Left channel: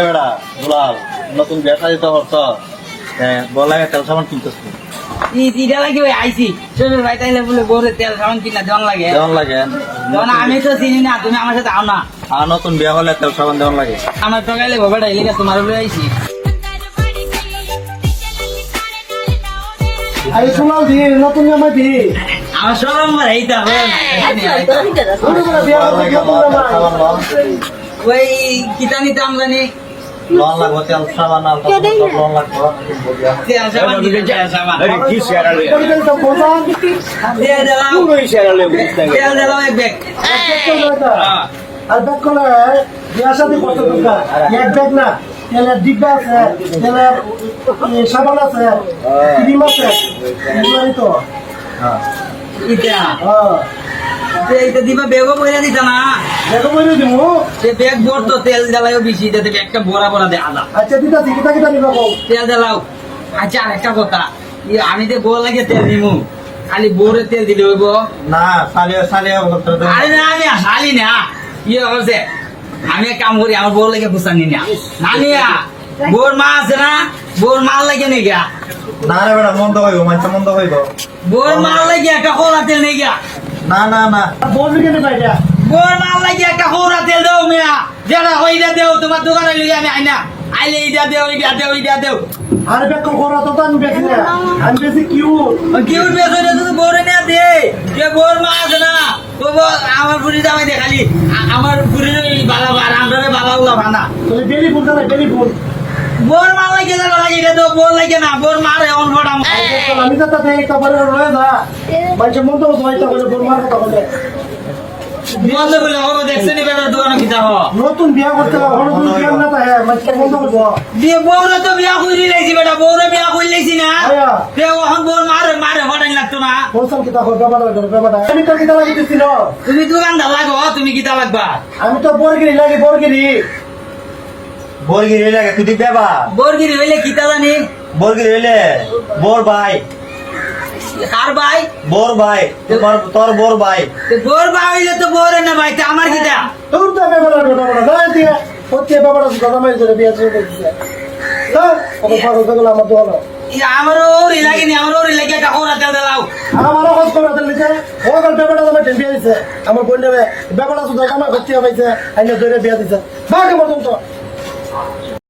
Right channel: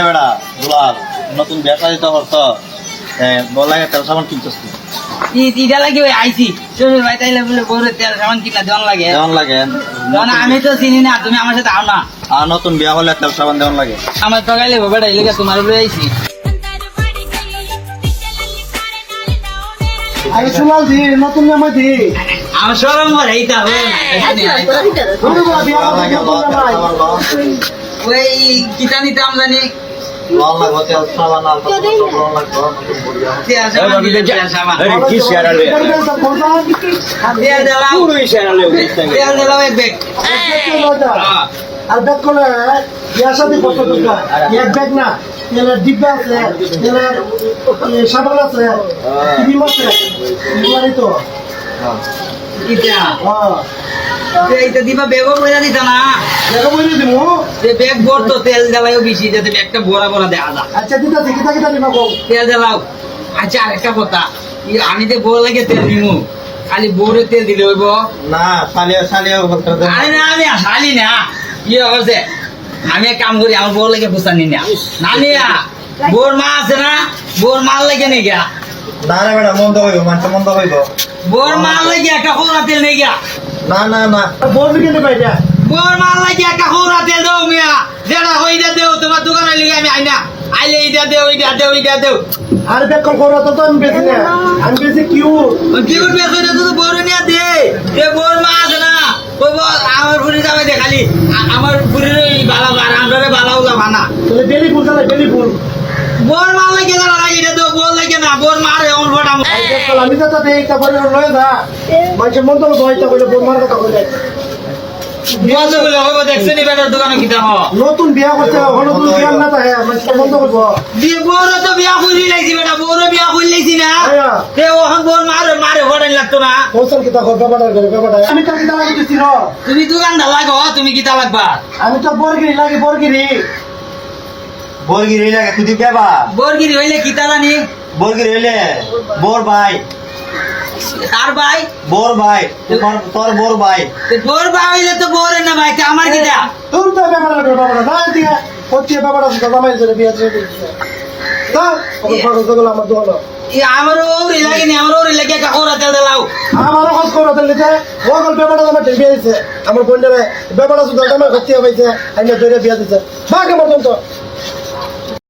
বেড়া দুলাল নতুন ব্যবসা দিতে হতো বলাই তেল সাবান কিনতেছ ইটা লাগে ওই আইসি শ্বশুর ভাই তাইলে বলে বউরে তেল সাবান কিনা দেওয়ান লাগে দেওয়ান লাগে যখন আমি তো চিনি না তুমি আমার সাথে আও না আর নতুন বিয়া হলে তেল সাবান দেওয়ান লাগে আমার তো গাইলে বাবাটা এলাকা তোমার বলে আইসি আরে সুলাল দি নতুন জামাই দি আমার সরম মার এইটা হবে ওরে বলা বিয়া করতে নতুন জামাই ওই কিতা নিতাম জানি লন লাগবো তেল সাবান আলফা সব লন লাগবো নতুন বড়িয়া তেল সাবান দিলে তেল সাবান কি শেয়ারালে পরিবেশ সব বলতাম তেল দিলাম পুরোই শেয়ারালে তেল দিলাম এক ব্যাগ আর ব্যাগ করে বিয়া শাদি করতে তোকা এক ব্যাগ না তেলের ডিব্বা আছে তেলের সাবান আছে ক্রিম আছে এগুলাই তো ইটা হ্যাঁ এইটা দিবা বেগও বইরা দিত না দেখো বইরে দিমু এই ব্যাগ ভরতো তেল জ্বালাইও বেশি যাতে ব্যাগটা ভরা ভরা দেখা যায় আচ্ছা দিতাছি কিতা কিতা নিবা বল তেল জ্বালাও আচ্ছা আর একটা কথা আমি যে বউ লাগে তেল নিমু খালি বউরে তেল দিলে হইব না সালিয়া সালিয়া বলতে আরে না আমি হালি না কি হচ্ছে আমি এক কাম করি আমার বউ লাগে পোষা নি না না নিয়া বউর মা আছে না বউর মাল লাগে নেই গা না রে বেড়া মন্দ হইব মানুষ মন্দ হইব বউর মাল লাগে একটা খোলা তেল নেই গা না না না বল নিকে নিবা এটা বউর মাল লাগে একটা খোলা তেল দাও মিয়া যেটা হইটা দেও তোমার দোকানে লিগে আমি আইনা আইলে এইটা দেও এইটা দেও এইটা দেও আর ব্যাগ করা তো আমি বেশি না আমি বেশি কিউ কি উঠবে সেটা শুধু বউরে নিয়ে দে যে বউর মা আছে না আমার বুড়ি যাবে দে খালি আমার বুড়ির বালা বার আন্ডারে বালা উলা বানা তাহলে বেলি ফুল দাও বেলি ফুল বোর মাল লাগে না লাগে এটা তো বোর লাগে না বোর মারে অন ফটা আমি তো তাতে একটা বলে রয়ে না মানুষের মন তো হয়তো বলে বোমার কথা বলে বন্ধ বলে হবে দেখছেন এটা দোকানে কিটা হ নতুন বিয়া করতে হবে নতুন বিয়া না তাই মানুষের মন তো করবো বিয়ে বউর তো বিয়া কইলি লাইছি বেটা বউর বিয়া কইলি লাইছি না আয়া তে ওহন বোর মারে মারে ফটাই লাগতো না হোসেন কিতা করবে ব্যাপারটা আমি তো কিতা লাগি দিছিল তুমি দোকান দা লাগো তুমি কিটা লাগবা আমি তো বরগিরি লাগি বরগিরি বর্গির হইলে তুই দিবে বা বরগিরি হইলে কিটা জানি বর্গির হইলে বোর ভাই কার ভাই বোর ভাই তোমার তোর বোর ভাই তে বোর ভাই হইলে তো বোরে না ভাই তে আমার কিটা তোর তো ব্যাপারটা না দিয়া হচ্ছে ব্যাপারটা দাদা মাইল ধরে বিয়া চলে দিছে হ্যাঁ ওকে ফটো দেবো আমার দোকানে আমার ওরি লাগেনি আমার ওরি লাগে কাকড়া তেল দাও আমারও খোঁজ খবর দিলে যে ওগল ব্যাপারটা আমার বিয়া দিছে আমার বোন ব্যাপারটা শুধু আমার করতে হয়েছে আইনে ধরে বিয়া দিছে বাকি মতন তো